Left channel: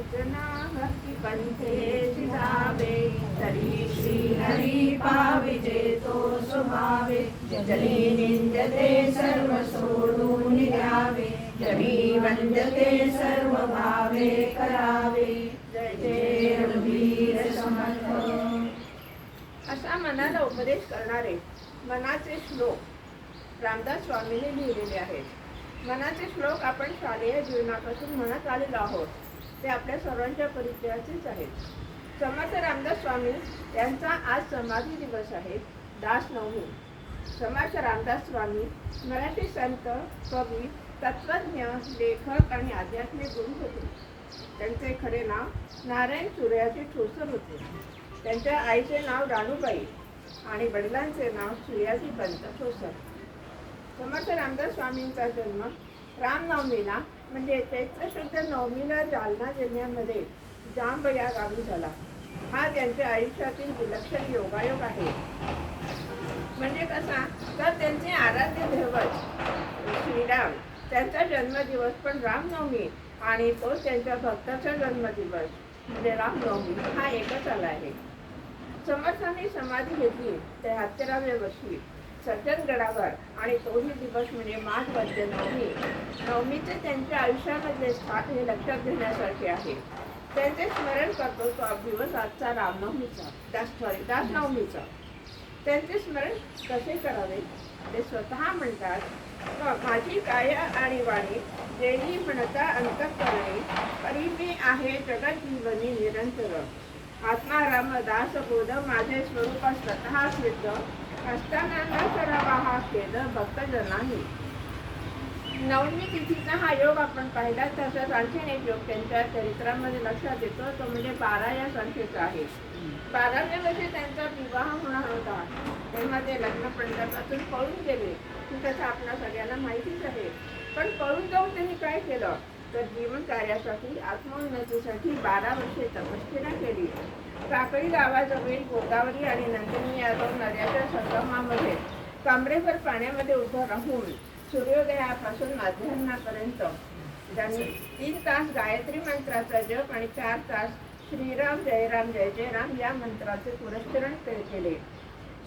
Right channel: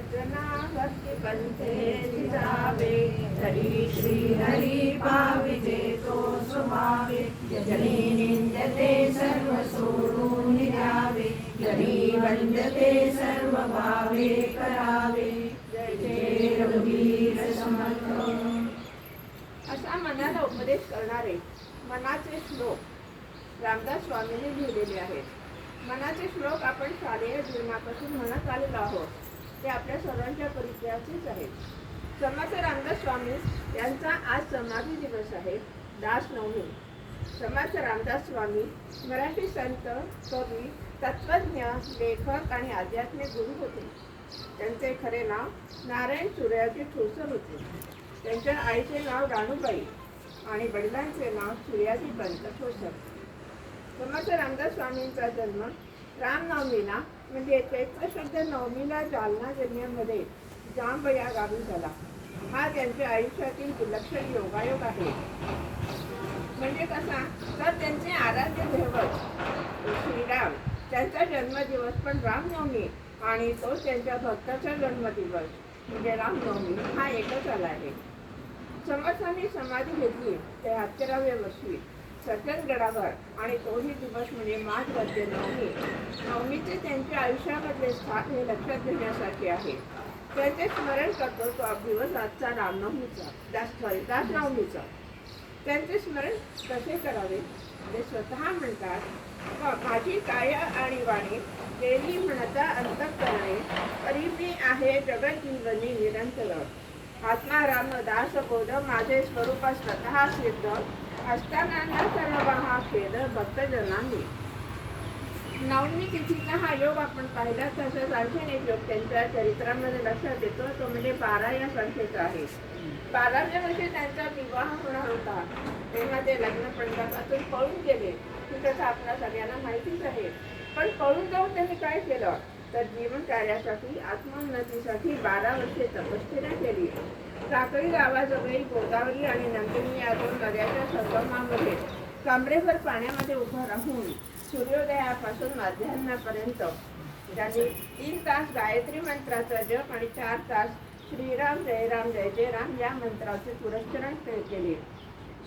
अर्चना भक्ती पंथे जिजावे तरी श्री हरी पाविजे तो सुभावे। निंदते सर्व सोडून वंदते सर्व भावे करावे। जय रघुवीर समर्थ। असा मनाला उपदेश करणारे मनाचे श्लोक रामदास स्वामींनी लिहिलेले आहेत. मनाचे श्लोक आपण शालेय जीवनापासून म्हणत आलेलो आहोत. ते आपल्या सर्वांच्या परिचयाचेच आहेत. समर्थ रामदास स्वामी यांचा आज समाधी दिवस आहे दास नवमी. समर्थ रामदास स्वामी मराठी संत कवी तत्वज्ञ लेखक आणि आध्यात्मिक गुरु होते. त्यांचे खरे नाव नारायण सूर्याजी ठोसर होते. त्यांच्या आईचे नाव राणूबाई आणि वडिलांचे नाव सूर्याजी पंत ठोसर. समर्थ रामदास स्वामींचा जन्म रामनवमीला म्हणजे त्याचा शुद्ध नवमीला जालना जिल्ह्यामध्ये जांब या गावी झाला. हा त्यांच्या आयुष्यातील विलक्षण योगायोग आहे. म्हणजे कसा? तर त्यांचे आराध्य दैवत श्रीराम त्यांचा जन्मदिवस पण रामनवमी आणि तो त्यांच्या भक्ताचा जन्मदिवस म्हणजे रामनवमी हा एकच आला आहे. समर्थांनी समाधी घेतली ते त्र्याहत्तराव्या वर्षी सज्जनगडावर आणि तोही दिवस म्हणजे माघमध्ये नवमी. नवमीचे त्यांच्या आयुष्यामधले स्थान हे लक्षात घेण्यासारखे आहे. त्यांचे स्मरण करतो तो दिवस आजचा रामनवमीचा दास सॉरी दासनवमीचा. त्यांचे स्मरण कसे करावे? ते स्वतः म्हणतात माझी काया आणि वाणी देणी म्हणता अंतर करणे तरी मी आहे जगत जीवनी निरंतर. आत्मा राम दास बोध माझे स्वरूप स्वतः सिद्ध असताना न करावा हा खेद भक्तजनांनी नवमी तिथीचा हा योग आपण पाहिला तसंच आणखीन एक योग त्यांच्या चरित्रामध्ये लक्षात येतो. तो म्हणजे बारा या संख्येचा आहे. बाराव्या वर्षी त्यांचा विवाह होणार होता. तेव्हा ते लग्न पंथापासून पळून गेले. ही कथा आपल्या सगळ्यांना माहितीच आहे. पण पळून जाऊन त्यांनी काय केलं? तर जीवन कार्यासाठी आत्मोन्नतीसाठी बारा वर्षे तपश्चर्या केली. साखळी गावाजवळील गोदावरी आणि नंदिनी या दोन नद्याच्या संगमामध्ये कमरेभर पाण्यामध्ये उभं राहून सूर्योदयापासून मध्यान्हापर्यंत त्यांनी तीन तास गायत्री मंत्राचा जप आणि चार तास श्रीराम जयराम जय जयराम या मंत्राचे पुरस्करण केले.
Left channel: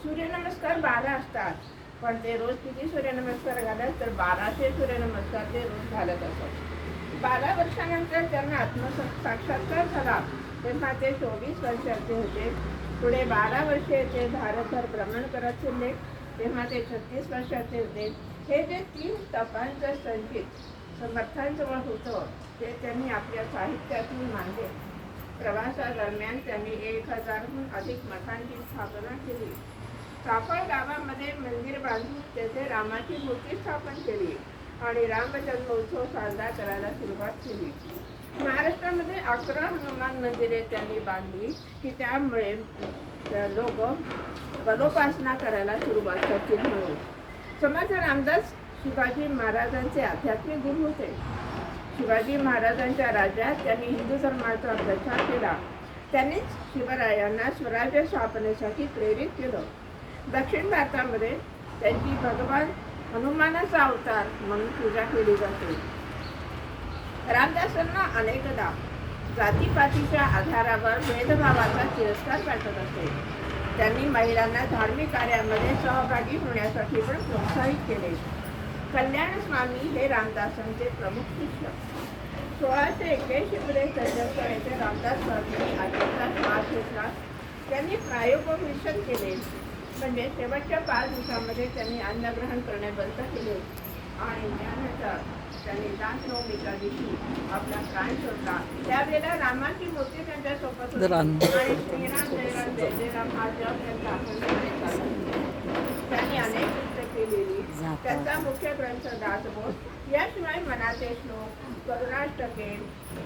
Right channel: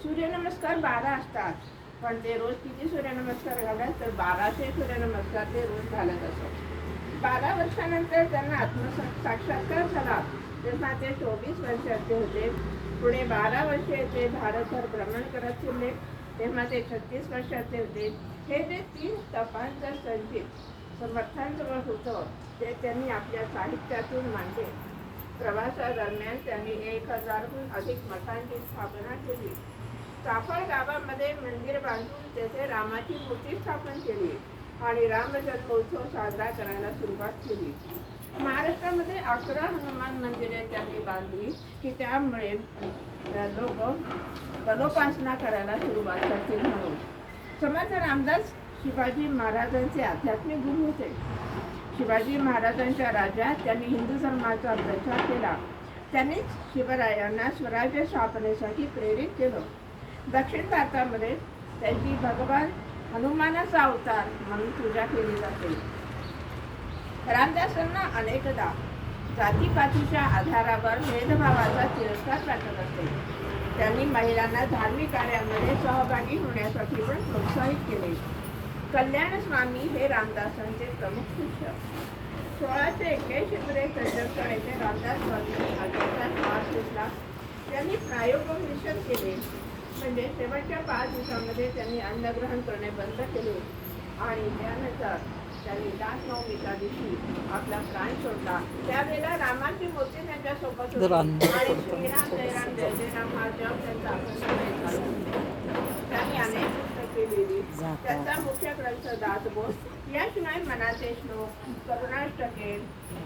सूर्यनमस्कार बारा असतात पण ते रोज किती सूर्यनमस्कार घालत तर बाराशे सूर्यनमस्कार ते रोज घालत असत. बारा वर्षानंतर त्यांना आत्म साक्षात्कार झाला तेव्हा ते चोवीस वर्षाचे होते. पुढे बारा वर्षे ते भारतभर भ्रमण करत फिरले. तेव्हा ते छत्तीस वर्षाचे होते. हे जे तीन तपांचं संचित समर्थांजवळ होतं ते त्यांनी आपल्या साहित्यातून मांडले. प्रवासादरम्यान त्यांनी एक हजारहून अधिक मठांची स्थापना केली. सापळ गावामध्ये मंदिर बांधून तेथे रामाची मूर्ती स्थापन केली. आणि रामजन्मोत्सव साजरा करायला सुरुवात केली. महाराष्ट्रामध्ये अकरा हनुमान मंदिरे त्यांनी बांधली की त्यामुळे लोक पदोपासना करायला सुरुवात करतील म्हणून. समर्थ रामदास शिवाजी महाराजांचे आध्यात्मिक गुरु होते. शिवाजी महाराजांच्या राज्यात त्यांनी हिंदू धर्माचा प्रचार केला. त्यांनीच शिवरायांना स्वराज्य स्थापनेसाठी प्रेरित केलं. दक्षिण भारतामध्ये त्यांची भगवान हनुमानाचा अवतार म्हणून पूजा केली जाते. रामदासांना अनेकदा जातीपातीच्या आधारावर भेदभावाचा तिरस्कार वाटत असे. त्यांनी महिलांना धार्मिक कार्यामध्ये सहभागी होण्यासाठी पण प्रोत्साहित केले. कल्याण स्वामी हे रामदासांचे प्रमुख शिष्य. सोळाशे एक्क्याऐंशी मध्ये येथे रामदास स्वामींनी आजचा श्वास घेतला त्यांनी प्रायोगिक मिशन केले. म्हणजे शेवटच्या पाच दिवसामध्ये त्यांनी अन्नग्रहण करणे बंद केले आणि त्यानंतर त्यांनी दासनवमीच्या दिवशी आपला प्राण सोडला त्यावेळेला रामाची मूर्ती त्यांच्यासोबत होती. आणि श्रीराम जयराम जय जयराम हा जप त्यांचा. त्यांनी अनेक पुस्तके लिहिली. त्यांचा मुख्य ग्रंथ दासबोध याशिवाय मनाचे श्लोक करुणाष्टके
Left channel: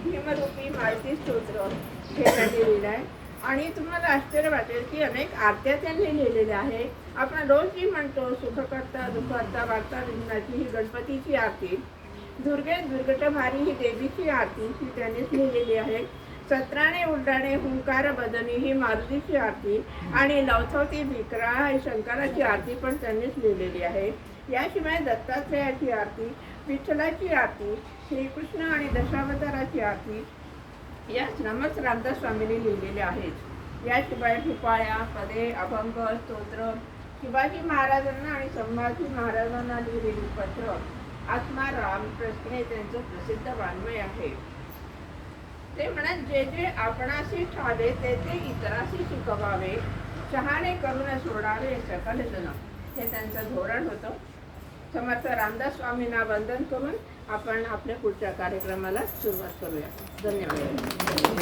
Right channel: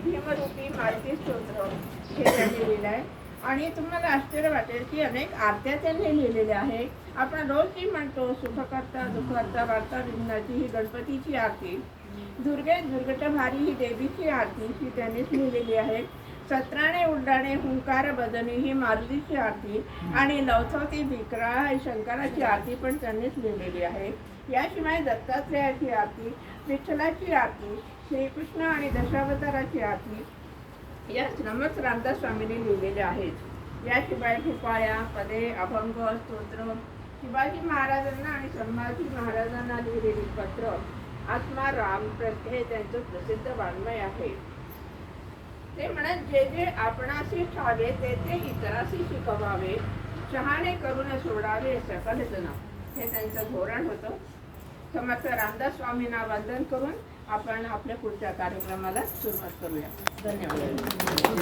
भीमरूपी मालती स्तोत्र हे त्यांनी लिहिलंय आणि तुम्हाला आश्चर्य वाटेल की अनेक आरत्या त्यांनी लिहिलेल्या आहे. आपण रोज जी म्हणतो सुखकर्ता दुःखकर्ता वार्ता विघ्नाची ही गणपतीची आरती. दुर्गे दुर्गटभारी ही देवीची आरती ही त्यांनीच लिहिलेली आहे. सत्राणे उड्डाणे हुंकार बदनी ही मारुतीची आरती. आणि लवथवती विकरा ही शंकराची आरती पण त्यांनीच लिहिलेली आहे. याशिवाय दत्तात्रयाची आरती विठ्ठलाची आरती श्रीकृष्ण आणि दशावताराची आरती या श्रमच रामदास स्वामींनी लिहिलेले आहेत. याशिवाय भूपाळ्या पदे अभंग स्तोत्र शिवाजी महाराजांना आणि संभाजी महाराजांना लिहिलेली पत्र आत्मा रामप्रश्न हे त्यांचं प्रसिद्ध वाङ्मय आहे. ते म्हणत जे जे आपणाशी ठावे ते ते इतराशी शिकवावे. शहाणे करून सोडावे सकल जन. हे त्यांचं धोरण होतं. समर्थ रामदास स्वामींना वंदन करून आपण आपल्या पुढच्या कार्यक्रमाला सुरुवात करूया. धन्यवाद.